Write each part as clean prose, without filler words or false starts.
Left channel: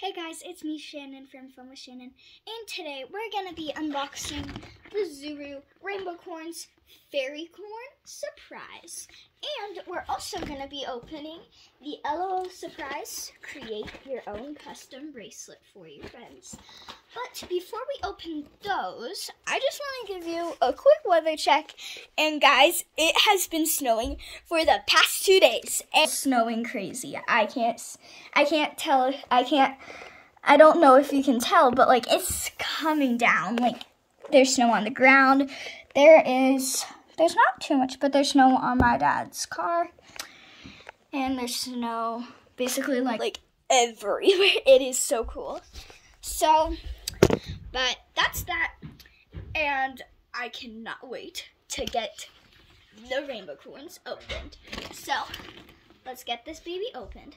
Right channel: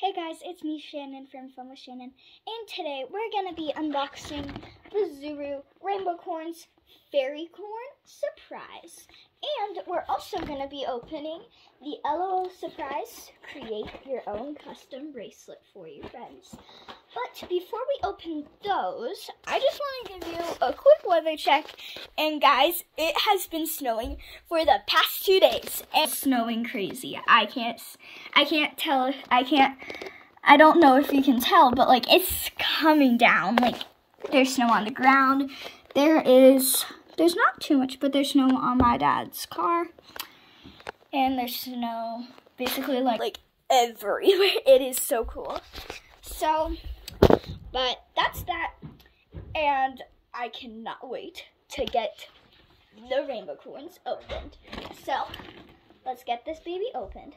Hey guys, it's me Shannon from Fun with Shannon, and today we're going to be unboxing the Zuru Rainbow Corns Fairy Corn Surprise. And we're also going to be opening the LOL Surprise Create Your Own Custom Bracelet for you friends. But before we open those, I just want to give you a quick weather check. And guys, it has been snowing for the past 2 days. It's snowing crazy. I don't know if you can tell, but like it's coming down. Like there's snow on the ground. There's not too much, but there's snow on my dad's car. And there's snow basically like everywhere. It is so cool. So, but that's that. And I cannot wait to get the rainbow corns opened. So, let's get this baby opened.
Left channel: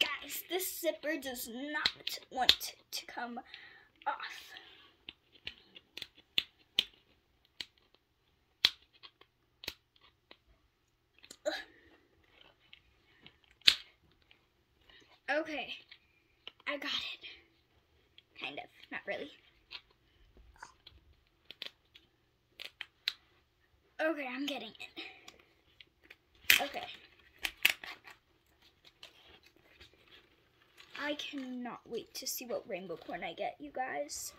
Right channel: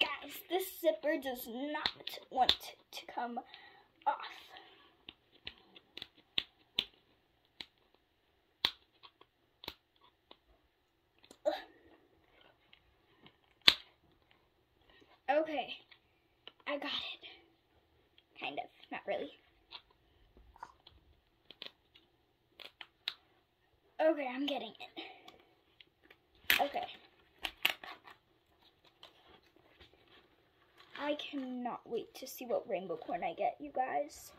Guys, this zipper does not want to come off. Okay, I got it. Kind of, not really. Okay, I'm getting it. Okay. I cannot wait to see what rainbow corn I get, you guys.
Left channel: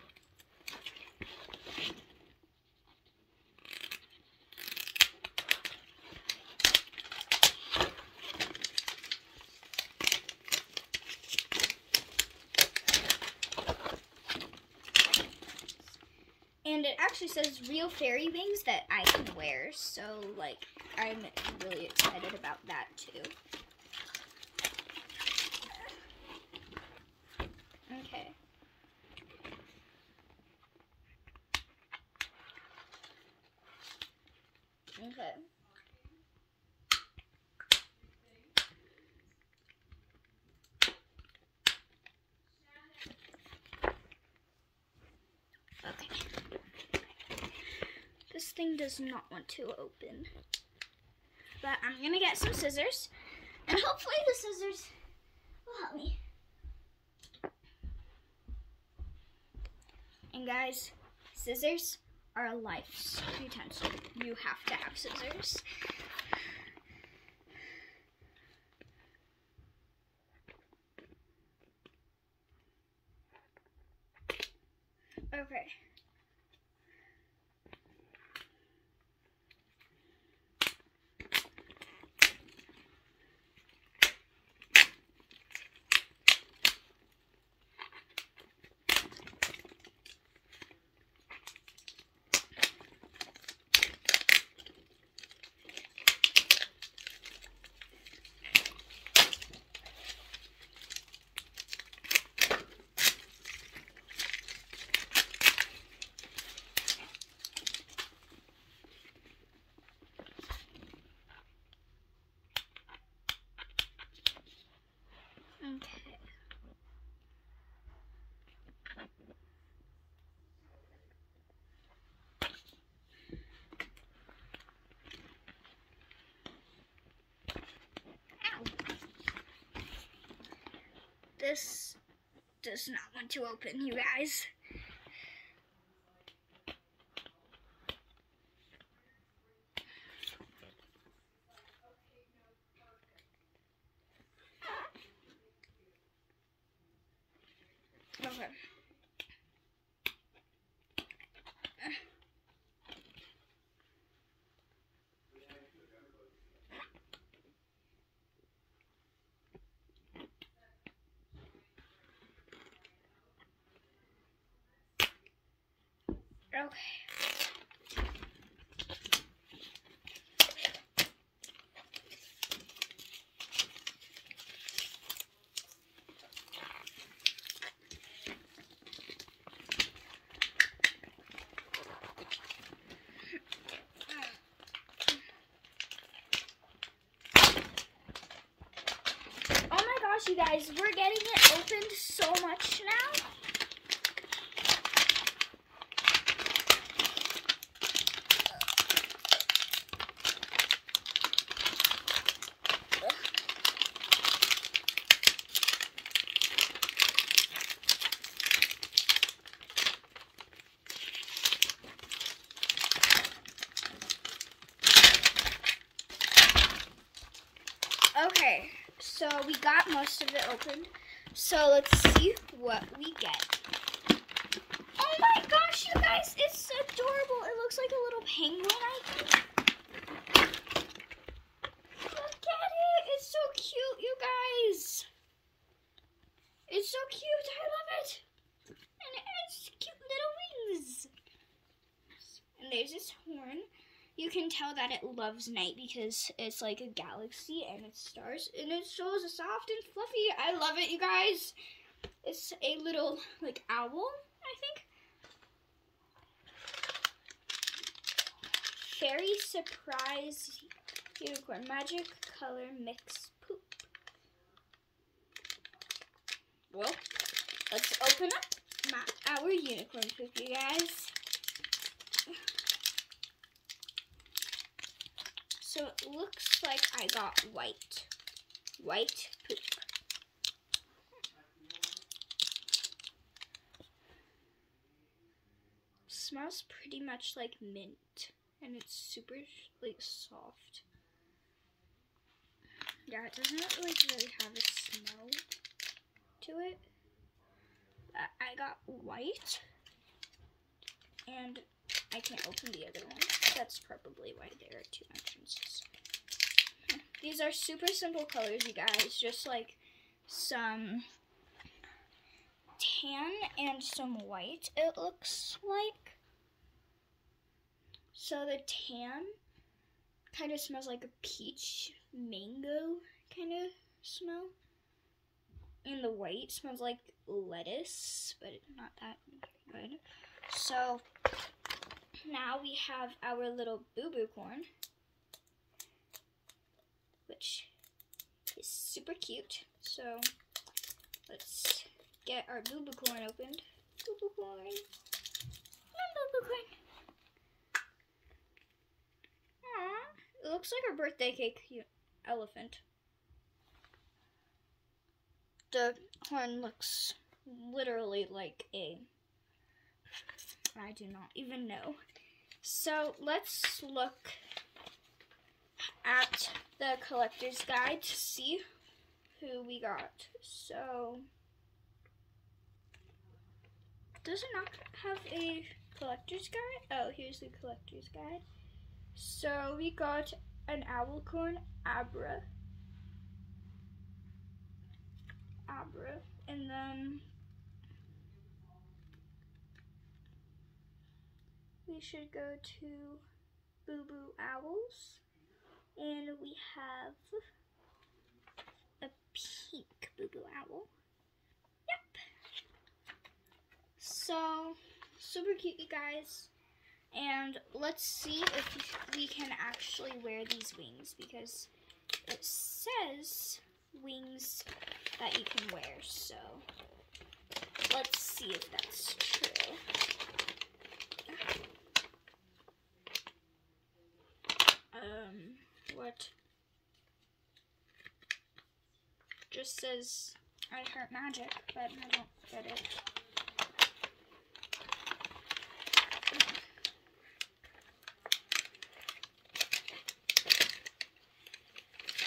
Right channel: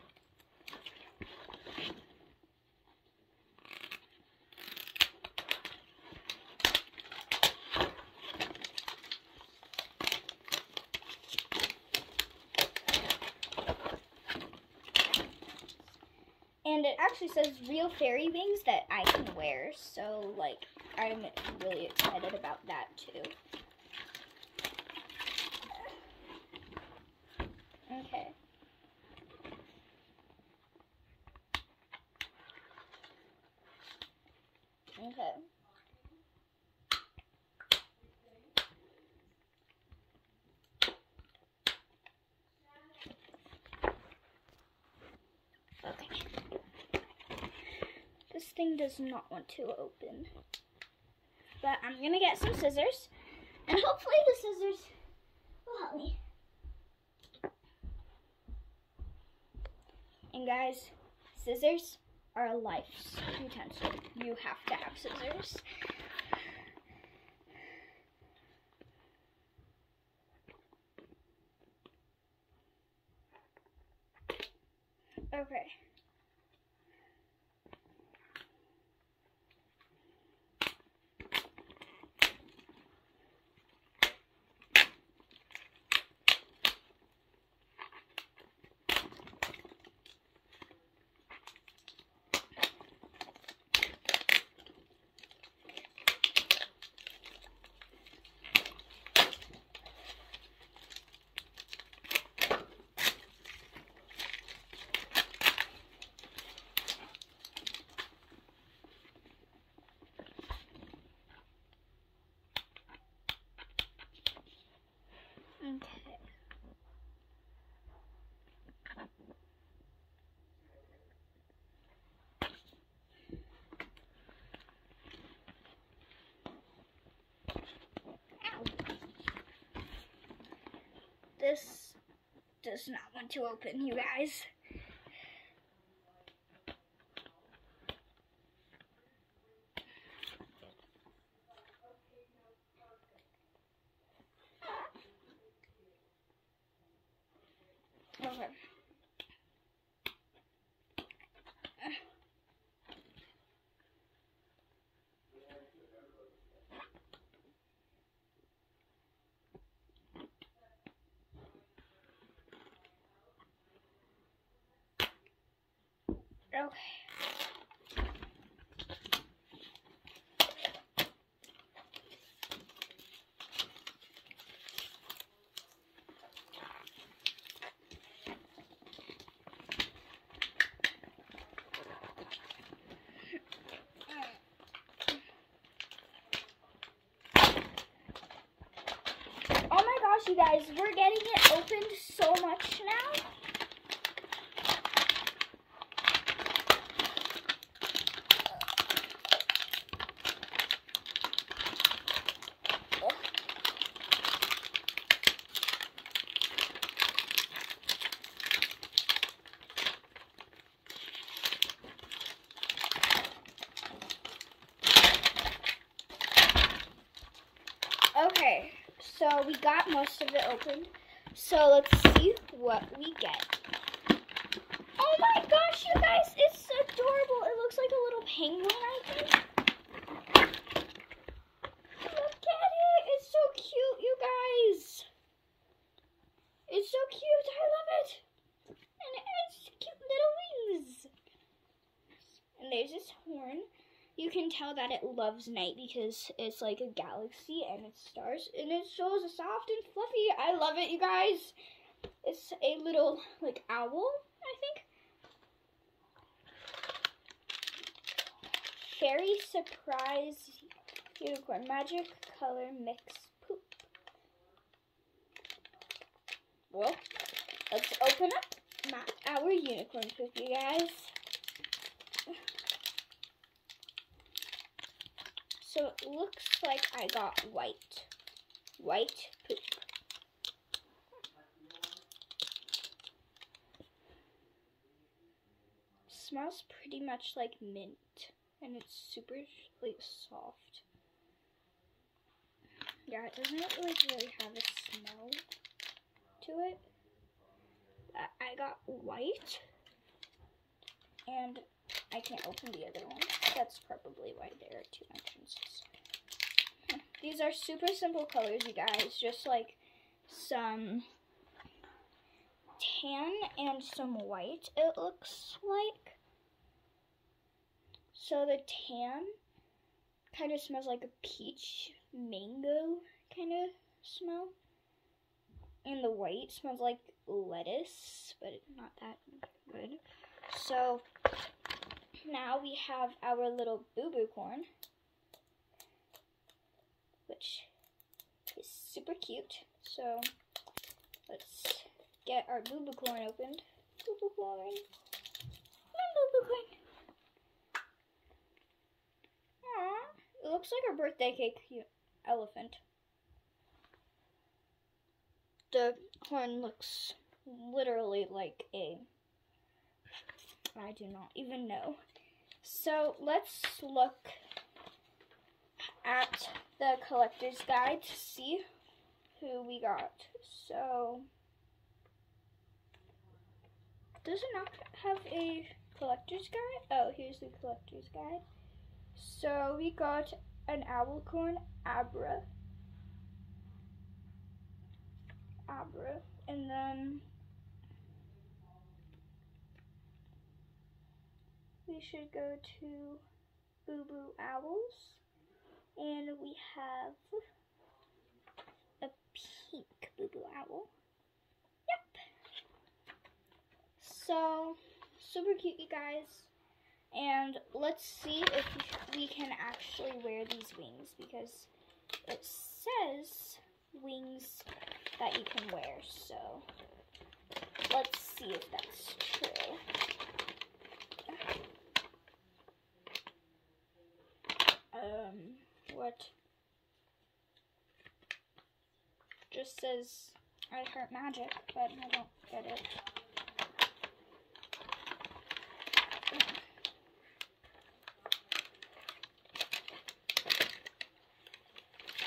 And it actually says real fairy wings that I can wear, so like I'm really excited about that too. Okay. Okay. This thing does not want to open. But I'm gonna get some scissors, and hopefully the scissors will help me. And guys, scissors are a life's utensil. You have to have scissors. Okay. Okay. Ow. This does not want to open, you guys. Okay. Okay. gosh, you guys, we're getting it opened so much now. Okay, so we got most of it opened. So let's see what we get. Oh my gosh, you guys, it's adorable. It looks like a little penguin, I think. Look at it. It's so cute, you guys. It's so cute. I love it. And it has cute little wings. And there's its horn. You can tell that it loves night because it's like a galaxy and it's stars. And it's so soft and fluffy. I love it, you guys. It's a little, like, owl, I think. Fairy Surprise Unicorn. Magic Color Mix Poop. Well, let's open up our unicorn poop, you guys. So it looks like I got white poop. Smells pretty much like mint, and it's super like soft. Yeah, it doesn't like really have a smell to it. I got white, and I can't open the other one. That's probably why there are two entrances. These are super simple colors, you guys. Just like some tan and some white, it looks like. So the tan kind of smells like a peach mango kind of smell. And the white smells like lettuce, but it's not that good. So now we have our little boo-boo corn, which is super cute. So let's get our boo-boo corn opened. Boo-boo corn. Boo-boo corn. Aww. It looks like a birthday cake elephant. The horn looks literally like a, I do not even know. So let's look at the collector's guide to see who we got. So, does it not have a collector's guide? Oh, here's the collector's guide. So we got an owlcorn, Abra, and then we should go to Boo Boo Owls, and we have a pink Boo Boo Owl. Yep. So, super cute, you guys. And let's see if we can actually wear these wings, because it says wings that you can wear. So, let's see if that's true. What? Just says I heart magic, but I don't get it.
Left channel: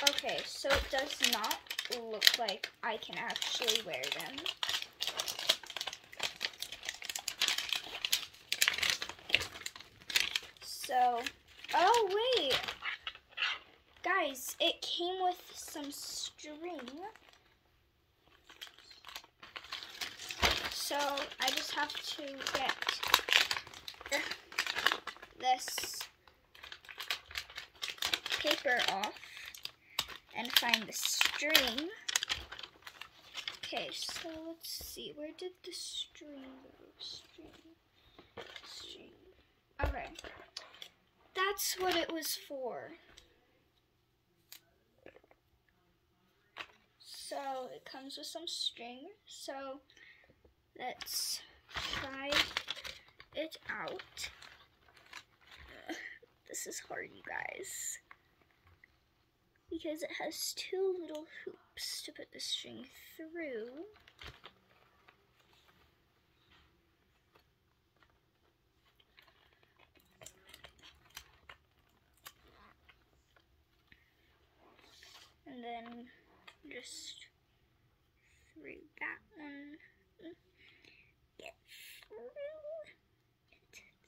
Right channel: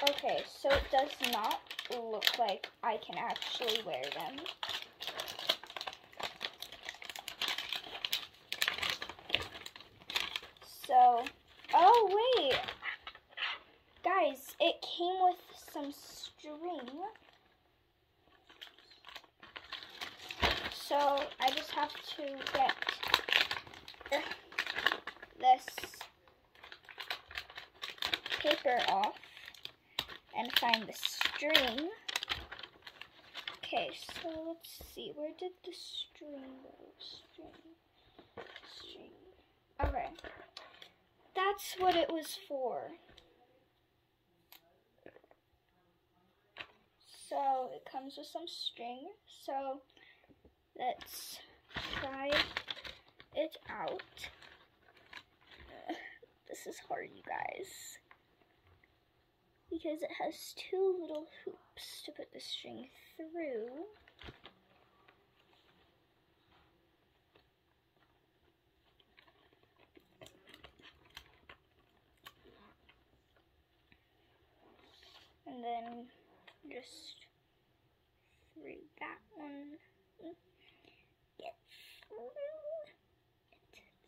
Okay, so it does not look like I can actually wear them. So, oh wait, guys, it came with some string. So I just have to get this paper off and find the string. Okay, so let's see, where did the string go? String. Okay, that's what it was for. So it it comes with some string. So let's try it out. This is hard, you guys, because it has two little hoops to put the string through. And then just through that one. Get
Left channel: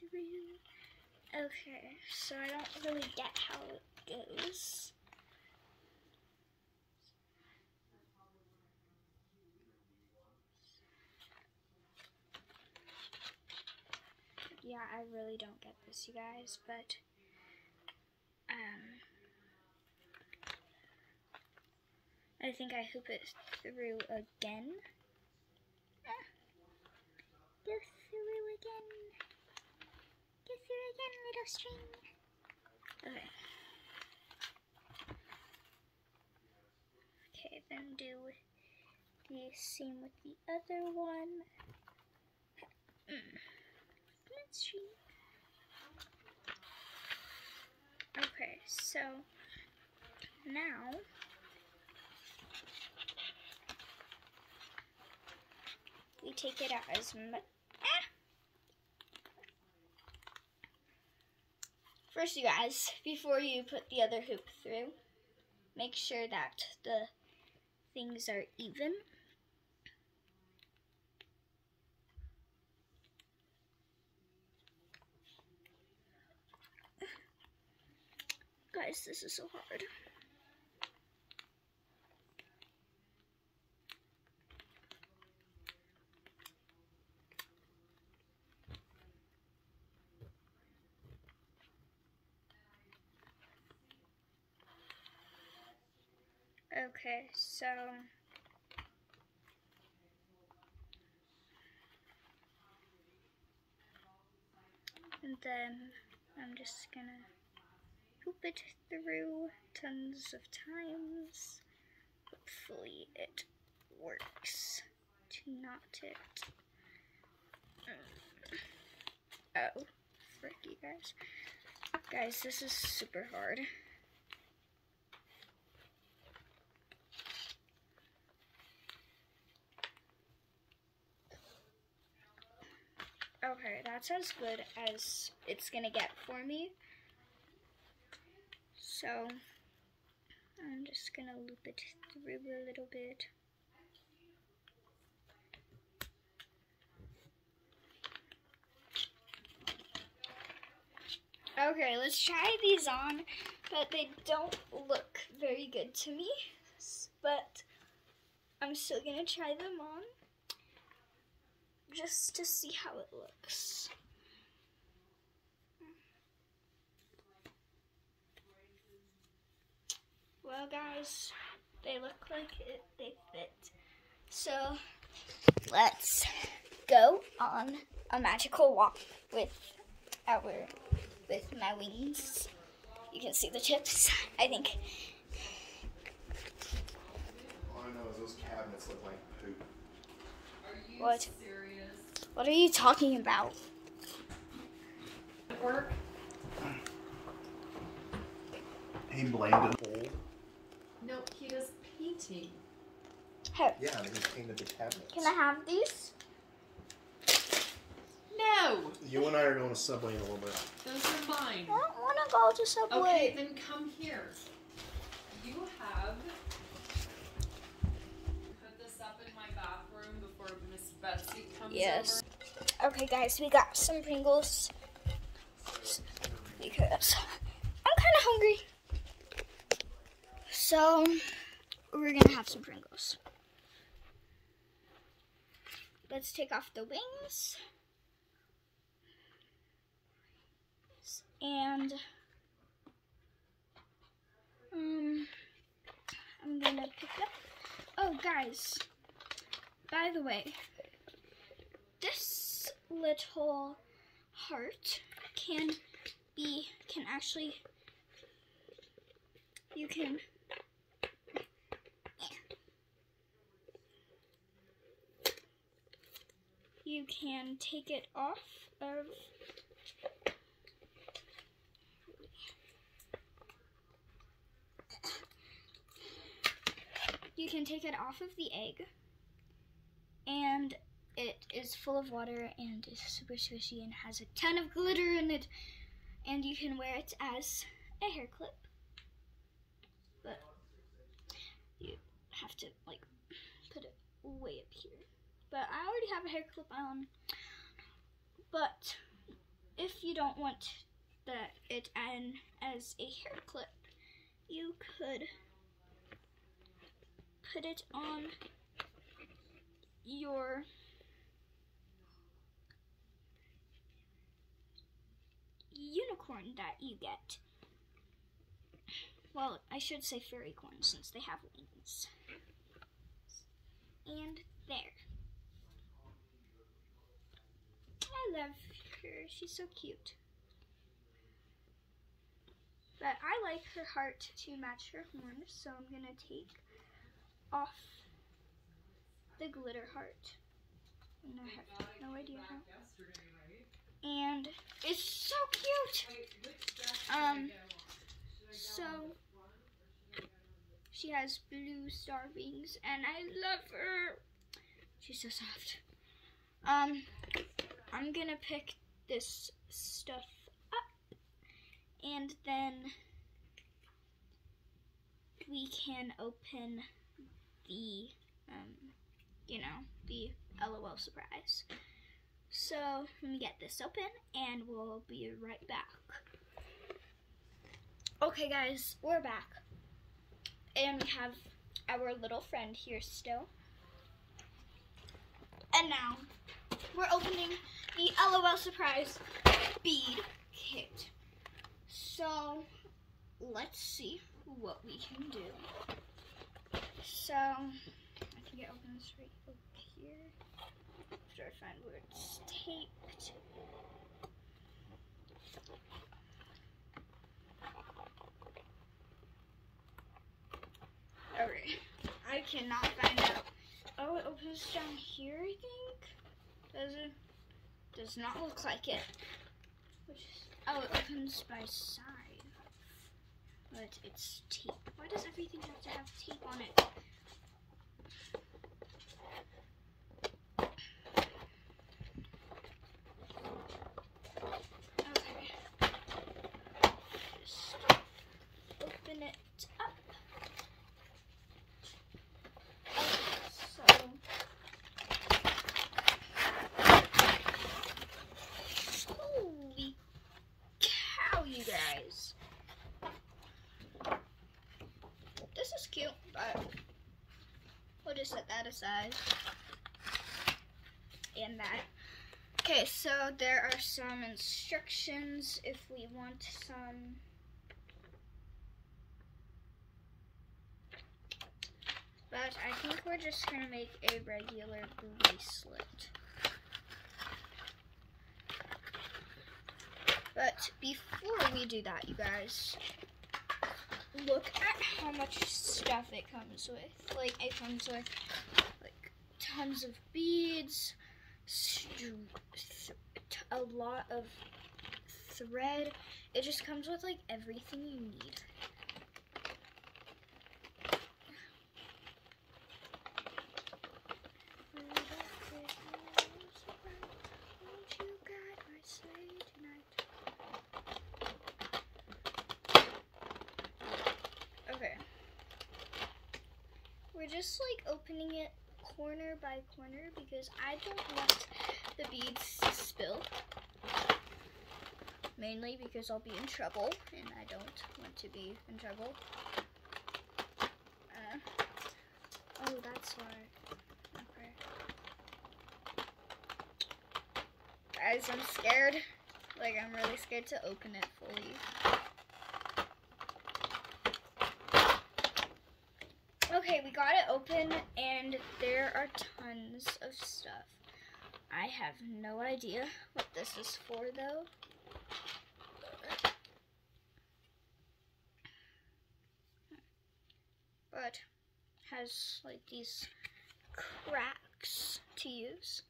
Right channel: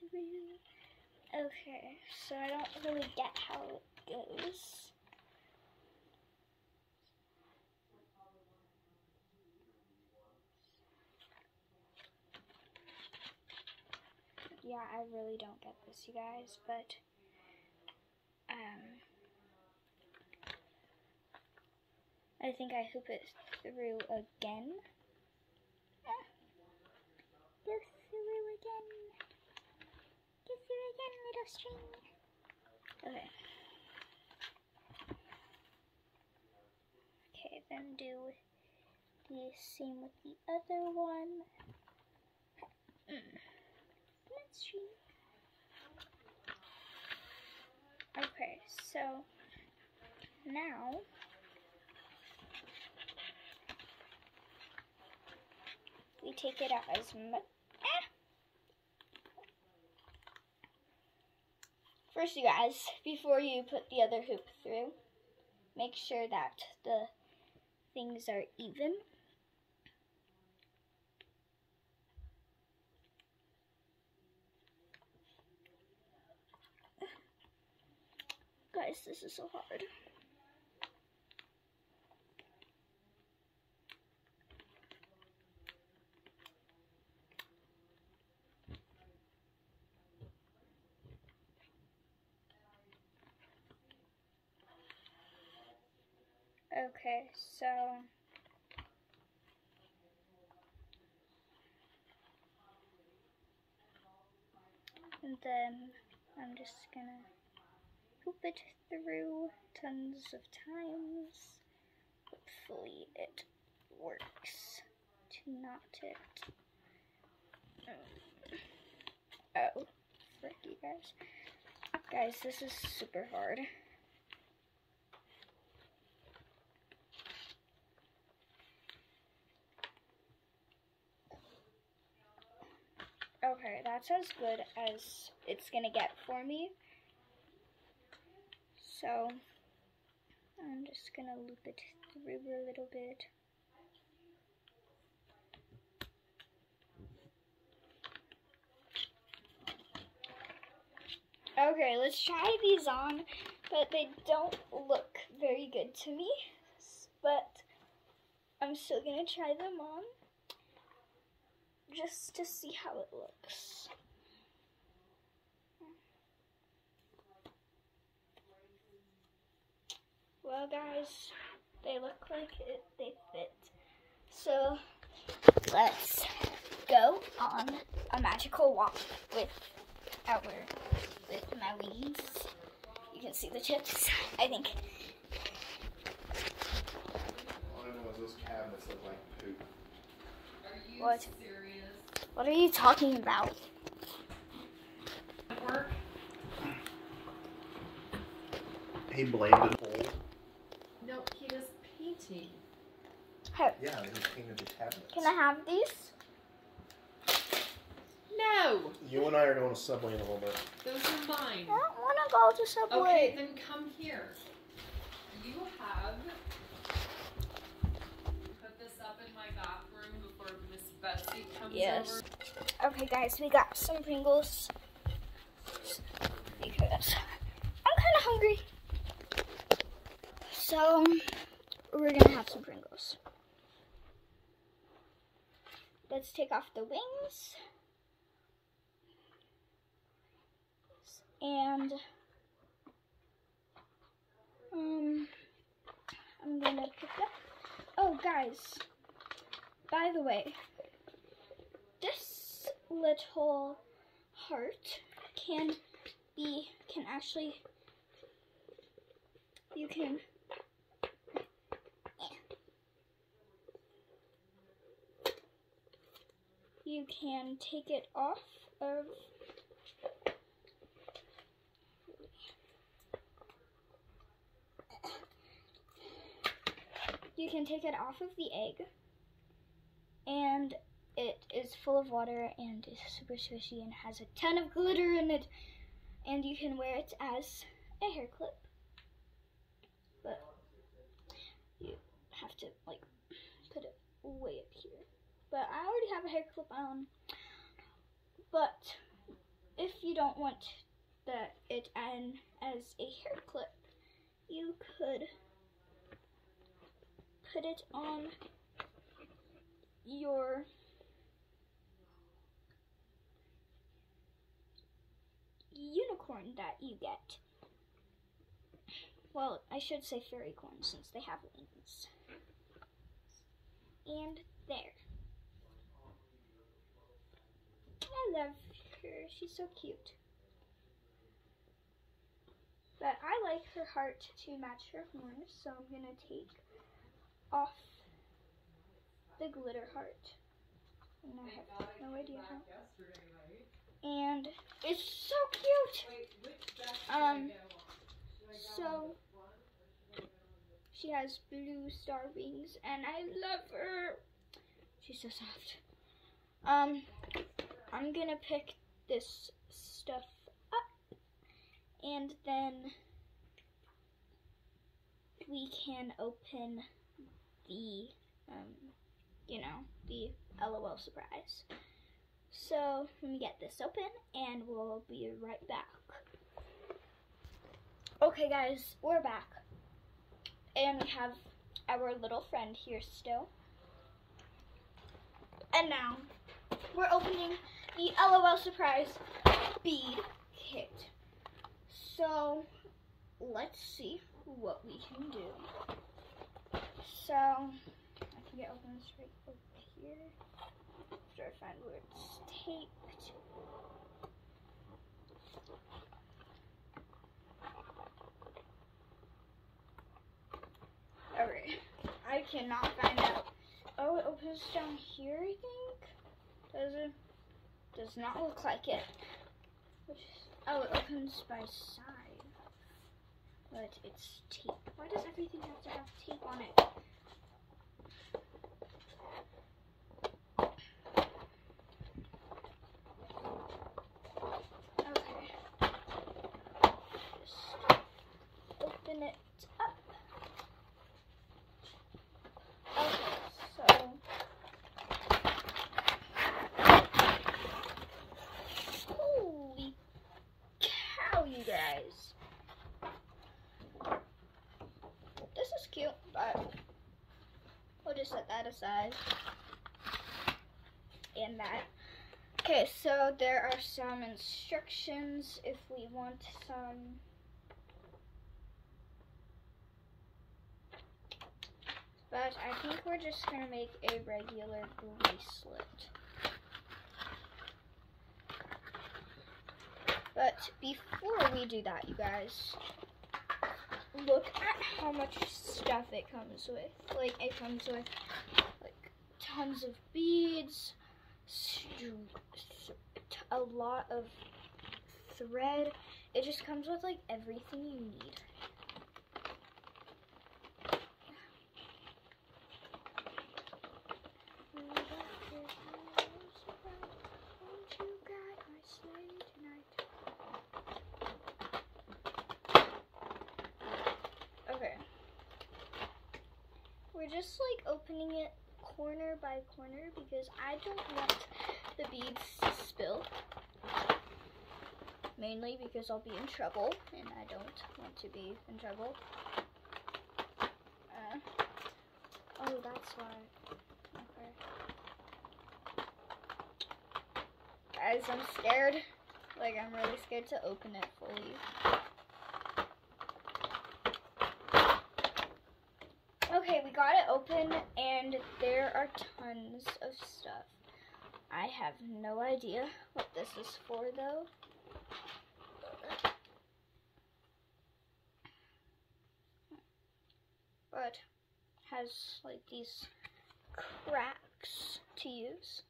through. Okay, so I don't really get how it goes. Yeah, I really don't get this, you guys, but I think I hoop it through again. Go through again. Go through again, little string. Okay. Okay, then do the same with the other one. Let's see. Okay, so now you take it out as much. First, you guys, before you put the other hoop through, make sure that the things are even. Guys, this is so hard. Okay, so and then I'm just gonna hoop it through tons of times. Hopefully it works to knot it. Oh, frick, you guys. Guys, this is super hard. Okay, that's as good as it's gonna get for me. So I'm just gonna loop it through a little bit. Okay, let's try these on, but they don't look very good to me. But I'm still gonna try them on, just to see how it looks. Well, guys, they look like they fit. So let's go on a magical walk with my wings. You can see the tips, I think. All I know is those cabinets look like poop. Are you What? serious? What are you talking about? Work? He blamed it old. No, he does painting. Hey, Yeah, he painted the cabinets. can I have these? No! You and I are going to Subway in a little bit. Those are mine. I don't want to go to Subway. Okay, then come here. You have put this up in my bathroom before Miss Betsy comes Yes. over. Okay, guys, we got some Pringles because I'm kind of hungry. So we're gonna have some Pringles. Let's take off the wings. And I'm gonna pick up. Oh, guys, by the way, this little heart can actually, you can you can take it off of the egg, and it is full of water and is super squishy and has a ton of glitter in it, and you can wear it as a hair clip, but you have to like put it way up here. But I already have a hair clip on, but if you don't want it as a hair clip, you could put it on your unicorn that you get. Well, I should say fairy corn since they have wings. And there. I love her. She's so cute. But I like her heart to match her horn, so I'm gonna take off the glitter heart. And I have no idea how. And it's so cute. So she has blue star wings, and I love her. She's so soft. I'm gonna pick this stuff up, and then we can open the, the LOL surprise. So let me get this open, and we'll be right back. Okay, guys, we're back, and we have our little friend here still. And now we're opening the LOL surprise bead kit. So let's see what we can do. So I think it opens right over here. After I find where it's taped. Alright, I cannot find out. Oh, it opens down here, I think. Does it? Does not look like it. Oh, it opens by side. But it's tape. Why does everything have to have tape on it? Okay. Just open it up. Okay, so holy cow, you guys. This is cute, but we'll just set that aside. And that. Okay, so there are some instructions if we want some. But I think we're just going to make a regular bracelet. But before we do that, you guys, look at how much stuff it comes with. Like, it comes with, like, tons of beads, a lot of thread. It just comes with, like, everything you need. Okay. We're just like opening it corner by corner because I don't want the beads to spill. Mainly because I'll be in trouble and I don't want to be in trouble. Oh, that's why. Okay. Guys, I'm scared. Like, I'm really scared to open it fully. Okay, we got it open, and there are tons of stuff. I have no idea what this is for, though. But has, like, these cracks to use.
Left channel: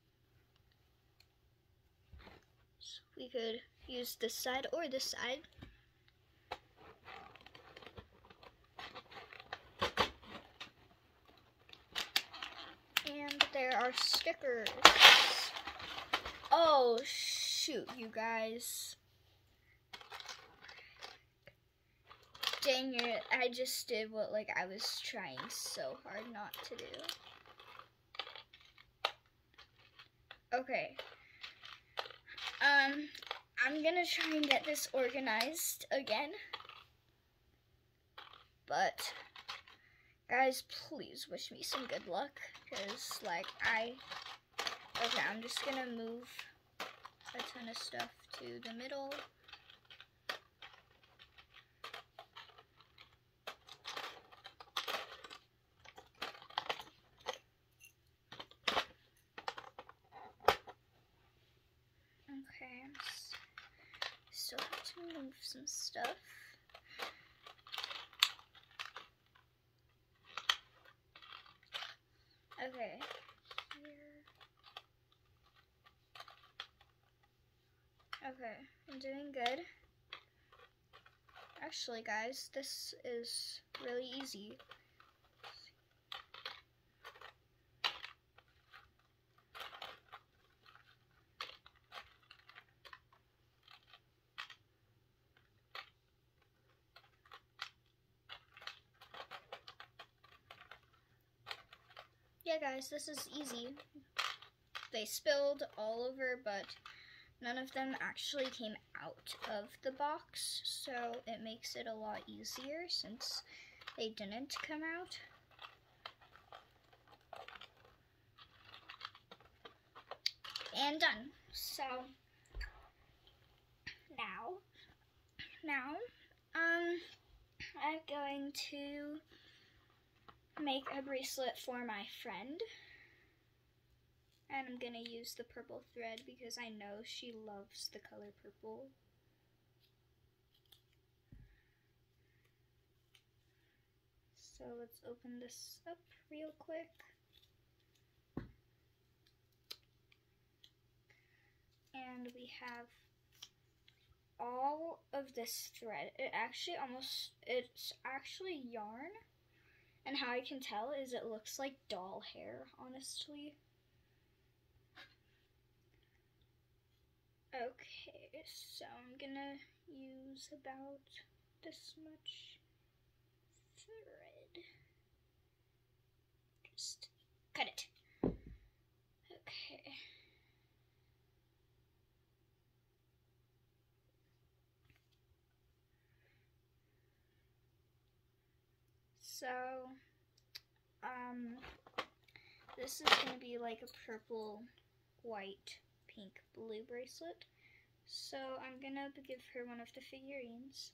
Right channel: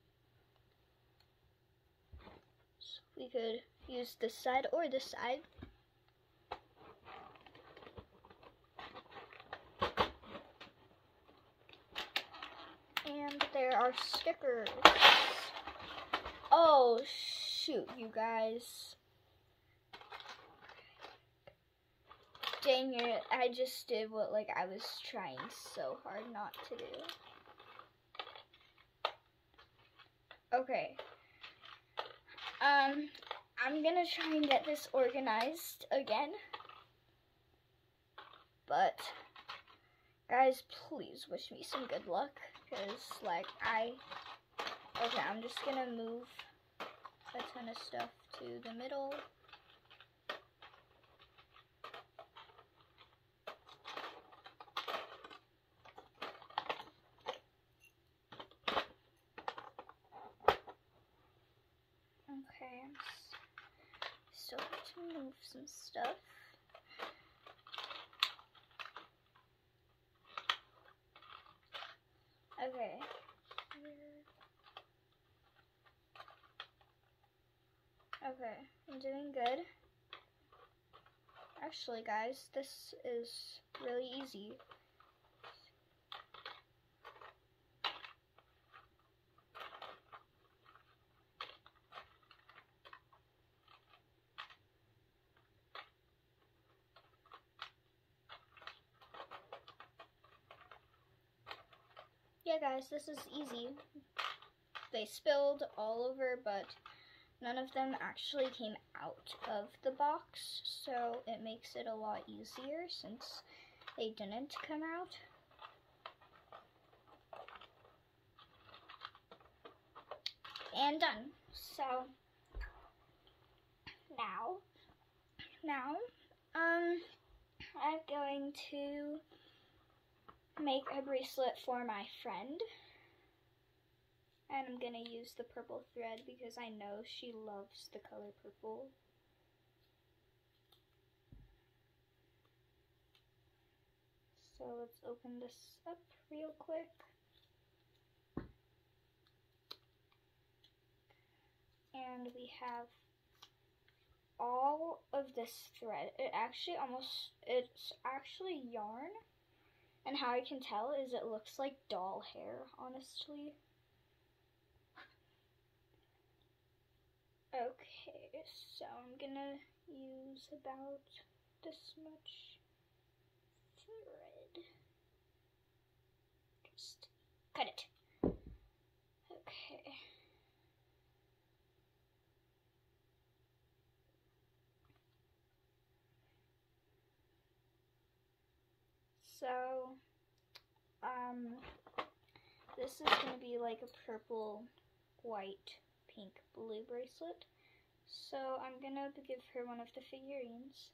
we could use this side or this side. And there are stickers. Oh, shoot, you guys. Dang it, I just did what, like, I was trying so hard not to do. Okay. I'm gonna try and get this organized again. But, guys, please wish me some good luck. Because, like, okay, I'm just gonna move a ton of stuff to the middle. Okay, I'm still have to move some stuff. Okay, here. Okay, I'm doing good. Actually, guys, this is really easy. Yeah, guys, this is easy. They spilled all over, but none of them actually came out of the box, so it makes it a lot easier since they didn't come out. And done. So now I'm going to make a bracelet for my friend. And I'm gonna use the purple thread because I know she loves the color purple. So let's open this up real quick. And we have all of this thread. It's actually yarn. And how I can tell is it looks like doll hair, honestly. Okay, so I'm gonna use about this much thread. Just cut it. Okay. So, this is gonna be like a purple, white, pink, blue bracelet. So I'm gonna give her one of the figurines.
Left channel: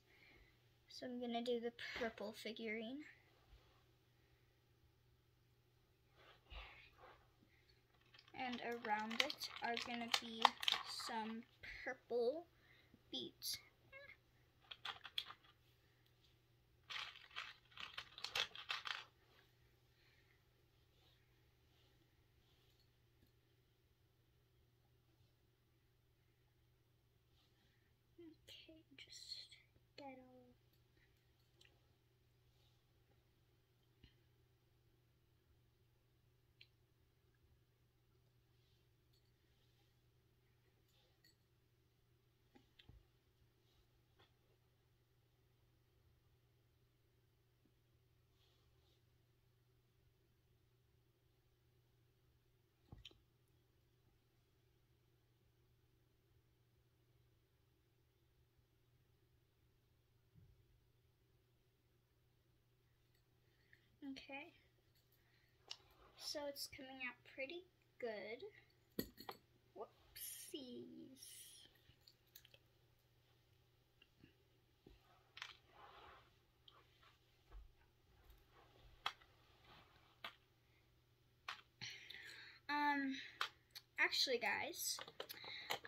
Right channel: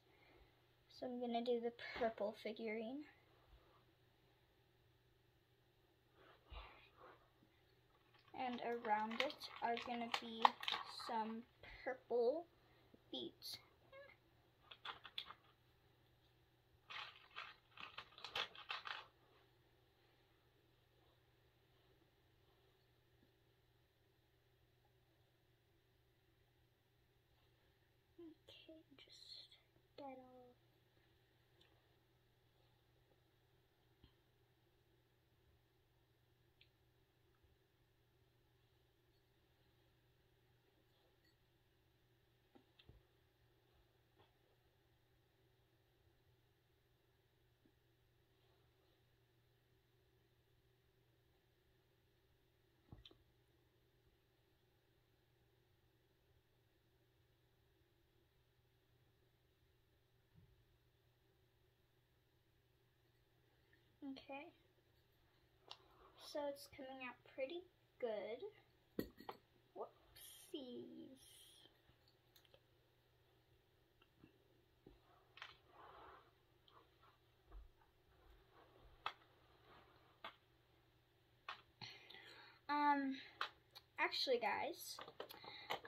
So I'm gonna do the purple figurine. And around it are gonna be some purple beads. Okay, just get all. Okay, so it's coming out pretty good. Whoopsies. Actually, guys,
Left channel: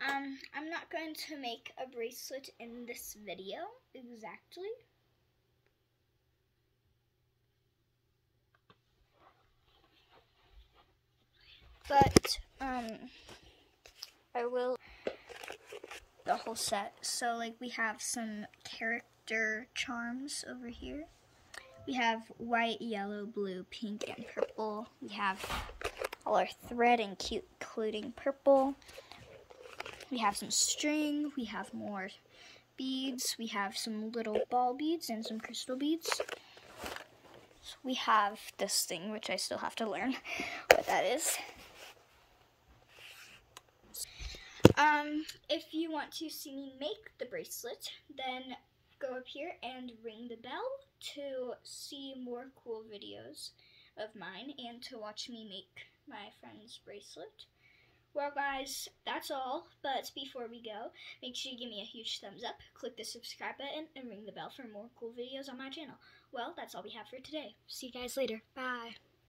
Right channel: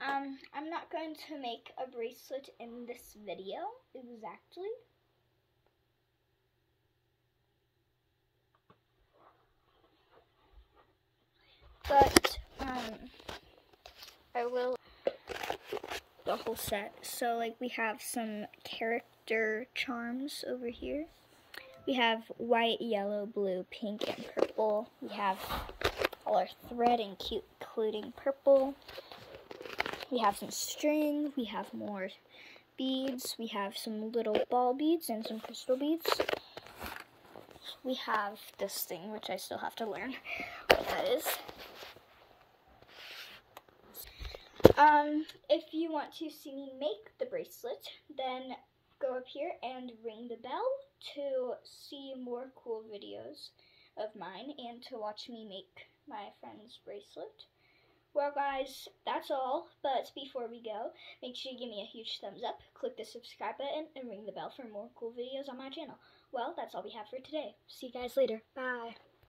I'm not going to make a bracelet in this video exactly. But, I will. The whole set. So like we have some character charms over here. We have white, yellow, blue, pink, and purple. We have all our thread including purple. We have some string. We have more beads. We have some little ball beads and some crystal beads. We have this thing, which I still have to learn what that is. If you want to see me make the bracelet, then go up here and ring the bell to see more cool videos of mine and to watch me make my friend's bracelet. Well guys, that's all, but before we go, make sure you give me a huge thumbs up, click the subscribe button, and ring the bell for more cool videos on my channel. Well, that's all we have for today. See you guys later. Bye.